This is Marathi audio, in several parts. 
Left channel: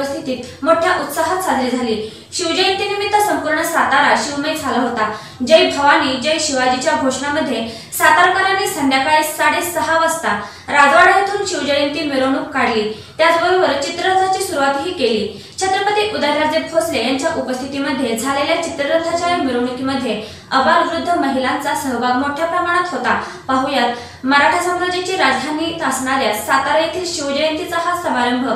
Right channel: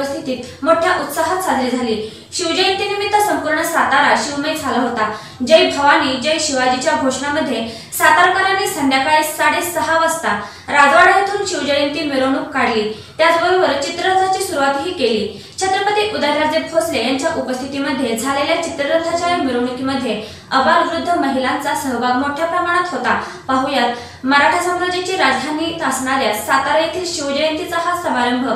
उपस्थितीत मोठ्या उत्साहात साजरी झाली. शिवजयंतीनिमित्त संपूर्ण सातारा शिवमय झाला होता. जय भवानी जय शिवाजीच्या घोषणामध्ये सातारकरांनी संध्याकाळी साडेसहा वाजता राजवाडा येथून शिवजयंती मिरवणूक काढली. त्याचबरोबर चित्ररथाची सुरुवातही केली. छत्रपती उदयराजे भोसले यांच्या उपस्थितीमध्ये झालेल्या चित्ररथाच्या मिरवणुकीमध्ये अबाल वृद्ध महिलांचा सहभाग मोठ्या प्रमाणात होता. पाहुयात मराठा साम्राज्याची राजधानी असणाऱ्या सातारा येथील शिवजयंतीचा हा समारंभ.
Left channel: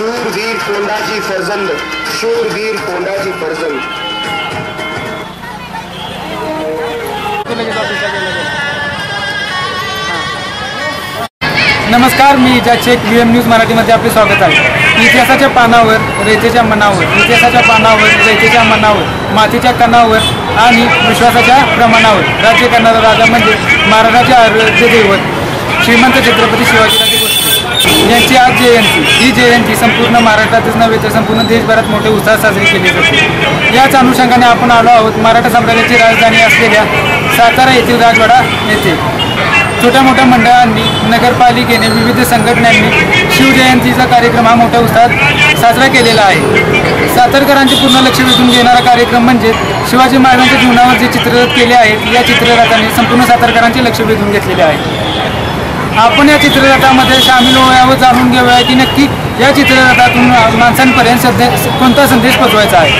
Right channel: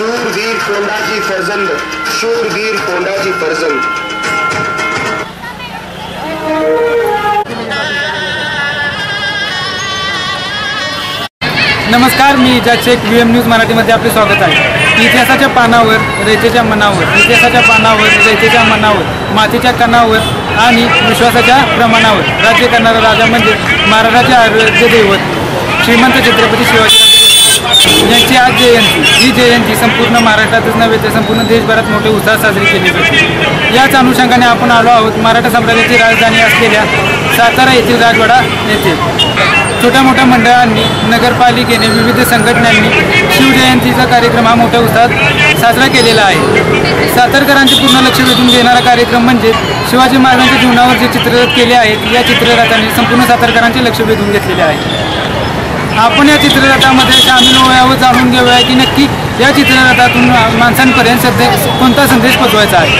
शूरवीर कोंडाजी फर्जंद शूरवीर कोंडाजी फर्जंद. नमस्कार मी इजा शेख व्ही एम न्यूज मराठीमध्ये आपले स्वागत आहे. इतिहासाच्या पानावर रयतेच्या मनावर इतिहासाच्या पानावर रयतेच्या मनावर मातीच्या कणावर आणि विश्वासाच्या प्रमाणावर. राज्य करणारा राजा म्हणजे महाराजाचे आरोग्य दैवत श्रीमंत छत्रपती शिवाजी यांची आज जयंती. ही जयंती संपूर्ण महाराष्ट्रातच नव्हे तर संपूर्ण देशभरात मोठ्या उत्साहात साजरी केली जाते. याच अनुषंगाने आपण आलो आहोत मराठा साम्राज्याची राजधानी असलेल्या सातारा येथील राजवाडा येथे. छोट्या मोठ्या मंडळांनी नगरपालिकेने विविध संघटनांनी शिवजयंतीचा कार्यक्रम हा मोठ्या उत्साहात साजरा केलेला आहे. सातारकरांचे पूर्ण लक्ष वेधून घेणारा कार्यक्रम म्हणजे शिवाजी महाराजांच्या जीवनावर जे चित्ररथ केले आहेत या चित्ररथाने संपूर्ण सातारकरांचे लक्ष वेधून घेतलेले आहे. आपण या चित्ररथामध्ये सामील होऊया व जाणून घेऊया की नक्की या चित्ररथातून माणसांपर्यंत संदेश कोणता संदेश पोचवायचा आहे?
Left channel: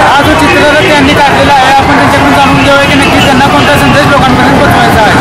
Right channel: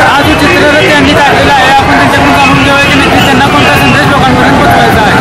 हा जो चित्ररथ त्यांनी काढलेला आहे आपण त्यांच्याकडून जाणून घेऊया की नक्की त्यांना कोणता संदेश लोकांपर्यंत पोचवायचा आहे.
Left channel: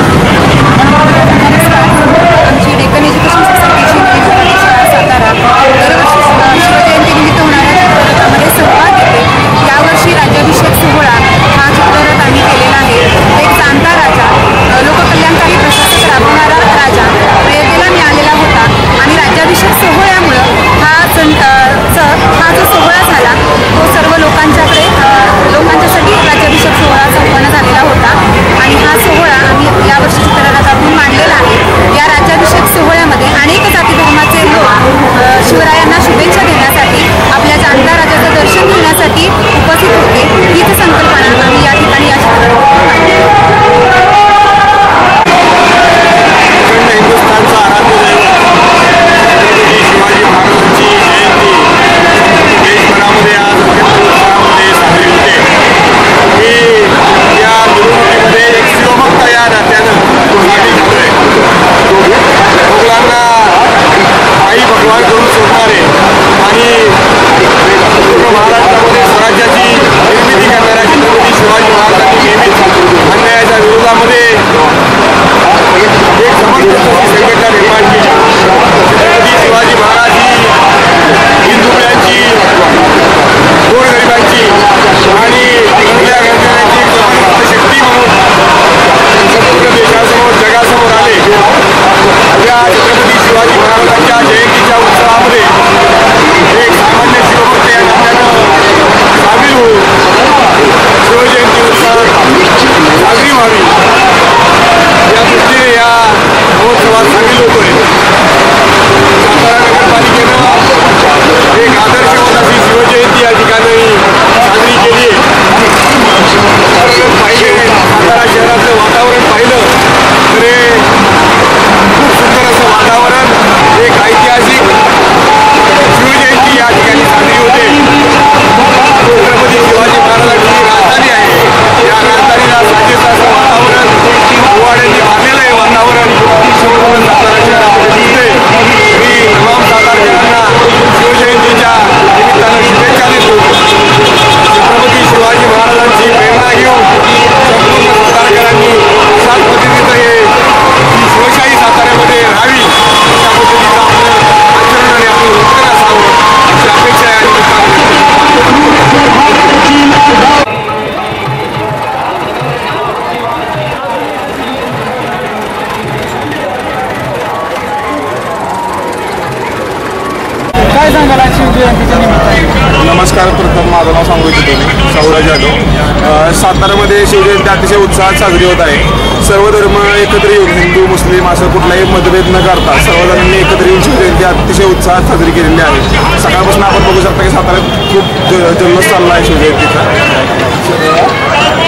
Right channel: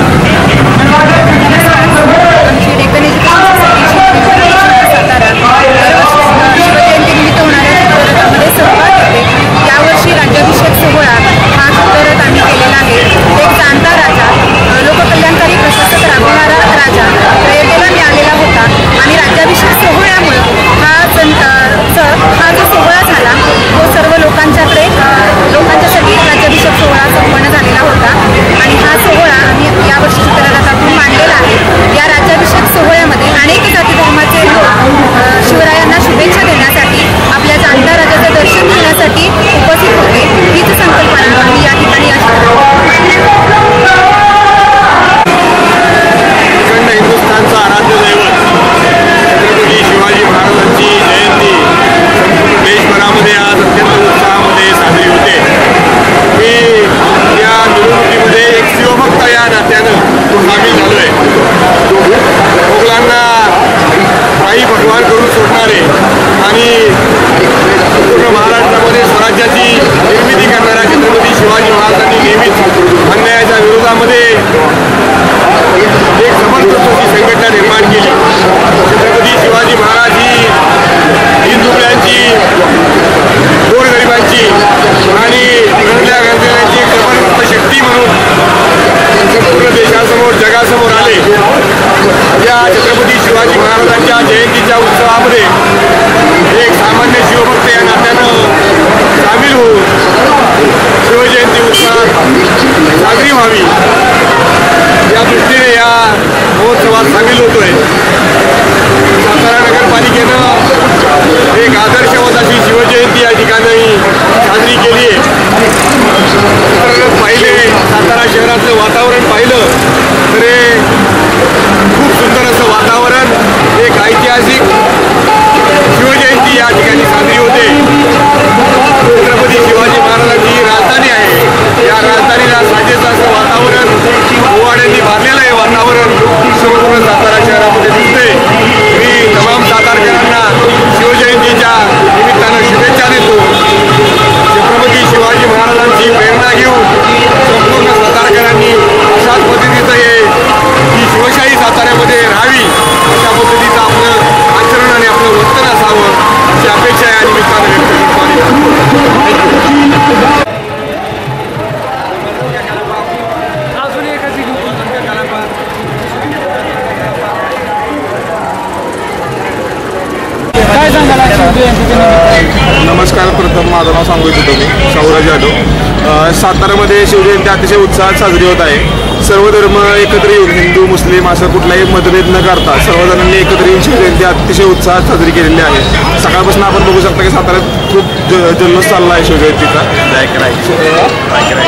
नमस्कार प्रथम माझं नाव सांगू इच्छितो मी शाहूराज यादव. सातारामध्ये साताऱ्यामध्ये शिवजयंती अतिशय उत्साहात साजरी होत आहे. सर्व धर्म एकत्र येऊन हिंदू मुस्लिम असं कुठलाही मतभेद न करता सर्वजणांनी एकत्र येऊन शिवजयंती अतिशय उत्साहात साजरी केलेली आहे. सकाळपासून आपण बघू शकता की साताऱ्यात खूप ज जल्लोष चालला आहे शिवजयंतीचा.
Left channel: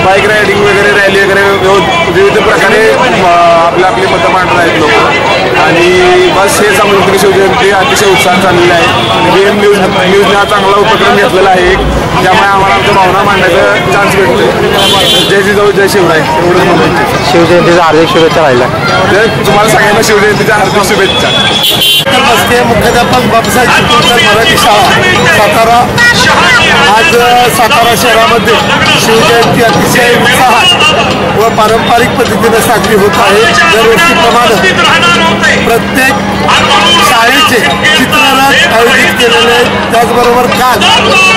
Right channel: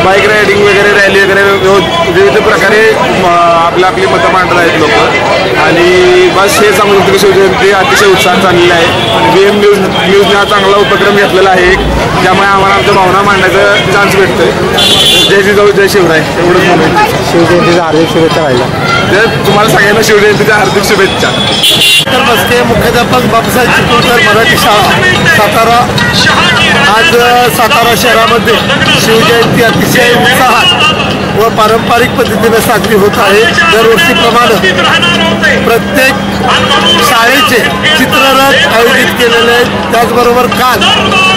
बाईक रायडिंग वगैरे रॅली वगैरे विविध प्रकारे आपल्या आपली मतं मांडत आहेत लोक. आणि बस हे सांगू शकतो की शिवजयंती अतिशय उत्साहात चाललेली आहे. आणि बी एम न्यूज न्यूजने हा चांगला उपक्रम घेतलेला आहे एक. त्यामुळे आम्हाला आमच्या भावना मांडायचा चान्स भेटतोय. जय जिजाऊ जय शिवराय. एवढंच म्हणू शिवजयंतीचा शिवजयंतीच्या हार्दिक शुभेच्छा तर तुम्हाला सगळ्यांना शिवजयंतीच्या हार्दिक शुभेच्छा. तर बसते मुख्याध्यापक बाबासाहेब चिपळूणकर मराठी शाळा सातारा. आज सातारा शहरामध्ये शिवजयंती अतिशय उत्साहात व पारंपरिक पद्धतीने साजरी होत आहे. दरवर्षीप्रमाणे प्रत्येक शाळेचे चित्ररथ आयोजित केलेले आहेत. त्याचबरोबर काल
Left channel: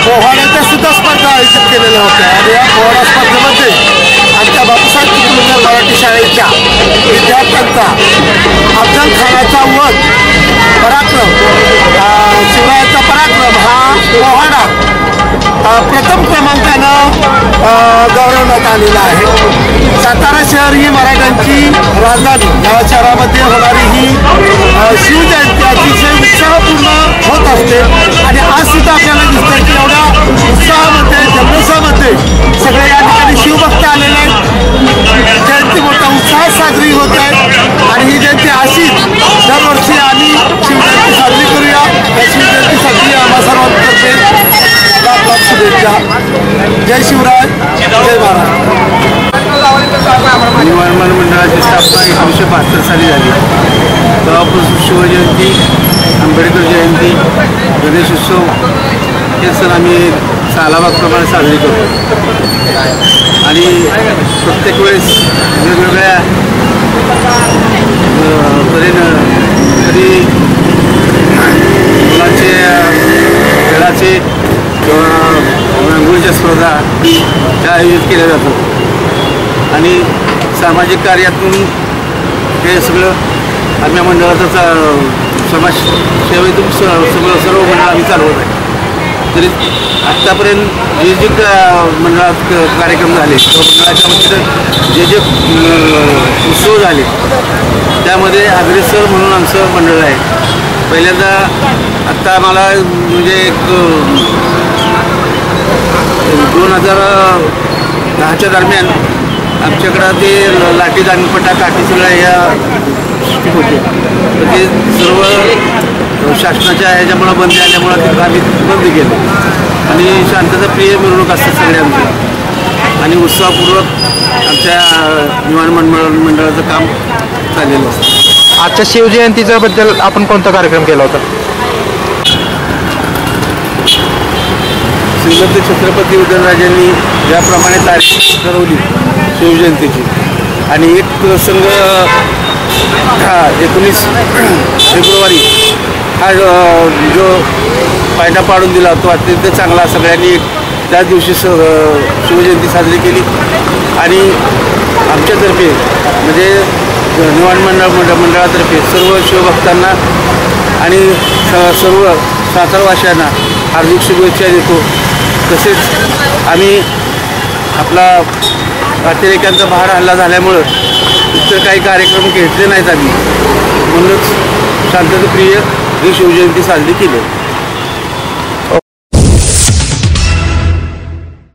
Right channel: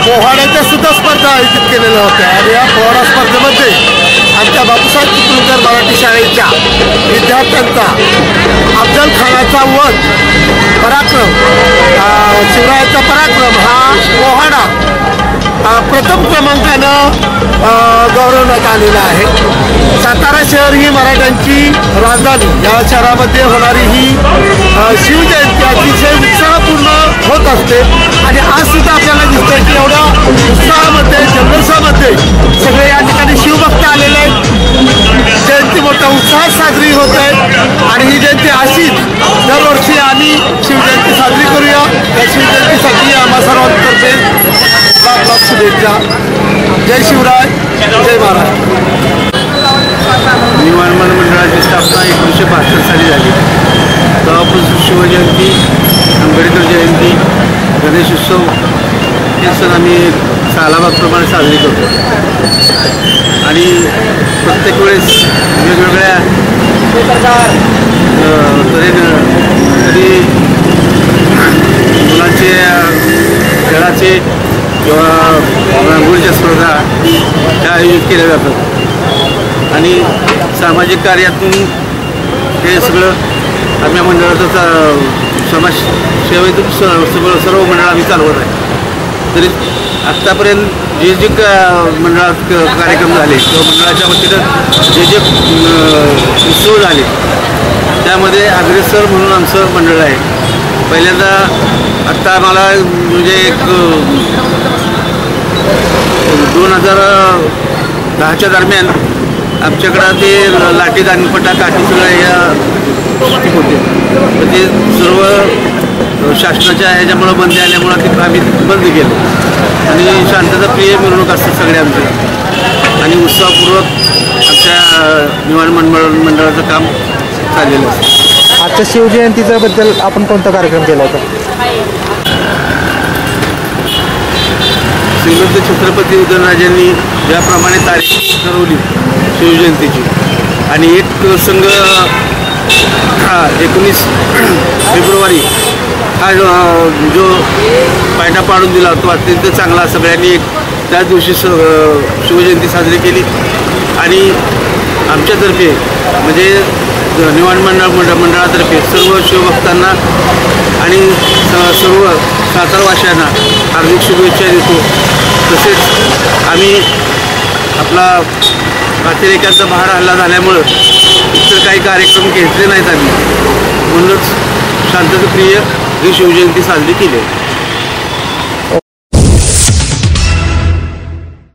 पोहाड्याच्या सुद्धा स्पर्धा आयोजित केलेल्या होत्या. आणि या पोहाडा स्पर्धेमध्ये आमच्या बाबासाहेब चिपळूणकर मराठी शाळेच्या विद्यार्थ्यांचा अफजल खानाचा वध पराक्रम शिवरायाचा पराक्रम हा पोहाडा प्रथम क्रमांकानं गौरवण्यात आलेला आहे. सातारा शहर ही मराठ्यांची राजधानी. या शहरामध्ये होणारी ही शिवजयंती अतिशय उत्साहपूर्ण होत असते. आणि आज सुद्धा आपल्याला दिसतं की एवढ्या उत्साह साजरी होत आहे आणि ही जयंती अशीच दरवर्षी आम्ही शिवजयंती साजरी करूया. या शिवजयंतीसाठी आम्हा सर्वांतर्फे लाख लाख शुभेच्छा. जय शिवराय जय महाराज. निवारमान मंडळाची स्थापना एकोणीसशे बहात्तर साली झाली. तेव्हापासून शिवजयंती आंबेडकर जयंती गणेशोत्सव हे सण आम्ही सालाबागप्रमाणे साजरे करतो. आणि प्रत्येक वेळेस वेगवेगळ्या तऱ्हेनं कधी मुलांचे खेळाचे किंवा रांगोळीच्या स्पर्धा ह्या आयोजित केल्या जातात आणि सामाजिक कार्यातून हे सगळं आम्ही मंडळाचं समाज सेवेतून स सगळं सर्व मंडळ आम्ही चालवत आहे. तरी आत्तापर्यंत जे जे का मंडळात क- कार्यक्रम झाले किंवा मंडळाच्या वतीनं जे जे उत्सव झाले त्यामध्ये अग्रेसर म्हणून आमचं मंडळ आहे. पहिल्यांदा आत्ता आम्हाला म्हणजे एक दोन हजार दहाच्या दरम्यान आमच्याकडं ते लाठी दानपटा काठी सगळ्या या स्टिक होते तर ते सर्व शासनाच्या ह्याच्यामुळं बंदी आल्यामुळं ते आम्ही बंद केलं. आणि शांतताप्रिय मिरवणूक असतात सगळे आमचे. आणि उत्साहपूर्वक आमच्या निवाण मंडळ मंडळाचं काम चाललेलं असतं. आजच्या शिवजयंतीच्या बद्दल आपण कोणता कार्यक्रम केला होता? श्रीमंत छत्रपती उदयनराजांनी ज्याप्रमाणे तारीख ठरवली शिवजयंतीची आणि एक प्रसंग हा एकोणीस फेब्रुवारी हा जो पायटा पाडून दिला तो अत्यंत चांगला. सगळ्यांनी एक त्याच दिवशी स शिवजयंती साजरी केली. आणि आमच्यातर्फे म्हणजे निवाण मंडळ मंडळ मंडळातर्फे सर्व शिवभक्तांना आणि स सर्व सातारवाशांना हार्दिक शुभेच्छा देतो. तसेच आम्ही आपला अतिरेक्यांचा भाड हल्ला झाल्यामुळं इतर काही कार्यक्रम घेतले नाहीत आम्ही. म्हणूनच शांतताप्रिय ही शिवजयंती साजरी केली. आहे